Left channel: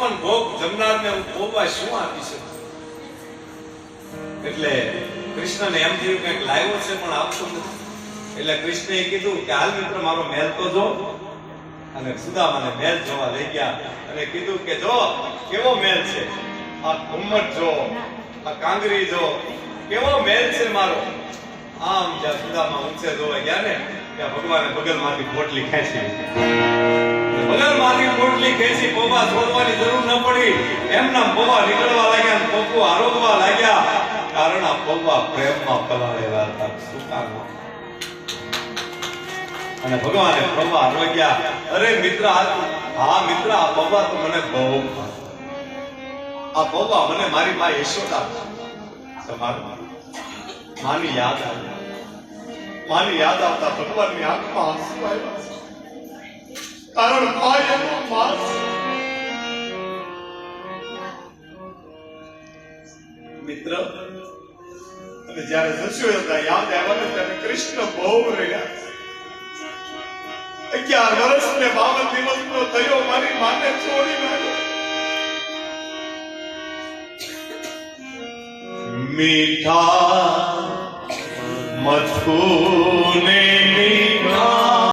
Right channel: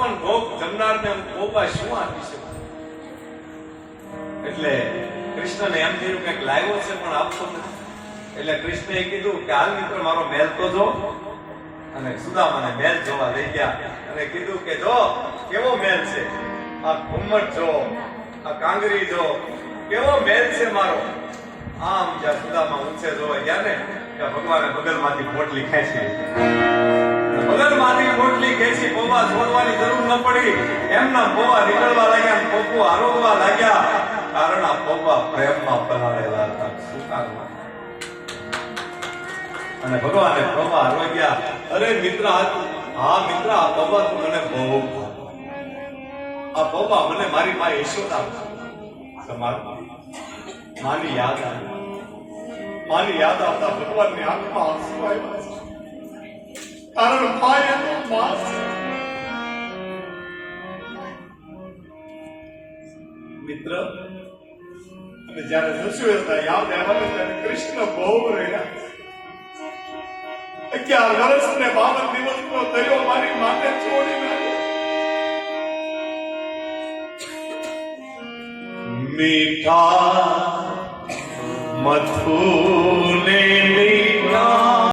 છપ્પન ભોગ જમનારને હું ભોગવા શું આપી શકું? એટલે કૃષ્ણને એમ થયું કે લાવ્યો છે પણ આપતો નથી. એટલે કૃષ્ણએ કીધું કે હાલ મિત્ર મારો મહેલ તો જો. અને સુદામાને મહેલ જોવા લઈ ગયા અને કીધું કે જો કેવો મહેલ છે, આ ઘુમ્મટ જો, આ કાંગરી જો, કેવો મહેલ છે મારો. આમ જ્યાં સુદામા ઊંચે જોવા ગયા ને ત્યાં ભગવાને બગલમાંથી પોટલી ખેંચી, બગલમાંથી પોટલી ખેંચી. પોપા છોડવાની જરૂર ન પડી, એમના પોપા નીકળવા લાગ્યા, પોપો આરોગવા લાગ્યા. કારણ આ પોપા પ્રેમમાં પલાળેલા હતા. શું કામ? અને ભગવાને પોપા આરોગ્યા. અરે મિત્ર, હા મિત્ર, આ પોપા તો મને બહુ, આ પોપા મને મારી માં યશોદા સમારું. માની યાદ આવી, માની યાદ આવતા ભગવાનની આંખમાં આંસુ આવ્યા. કારણ ભાઈ એનો માસ. મિત્ર, અને જ્યારે જશોદા યાદ આવ્યા ત્યારે કૃષ્ણ બહુ રહ્યા. 11 વર્ષ ને 52 દિવસનો થયો મારી માને છોડી નાખ્યો. મીઠા મથુને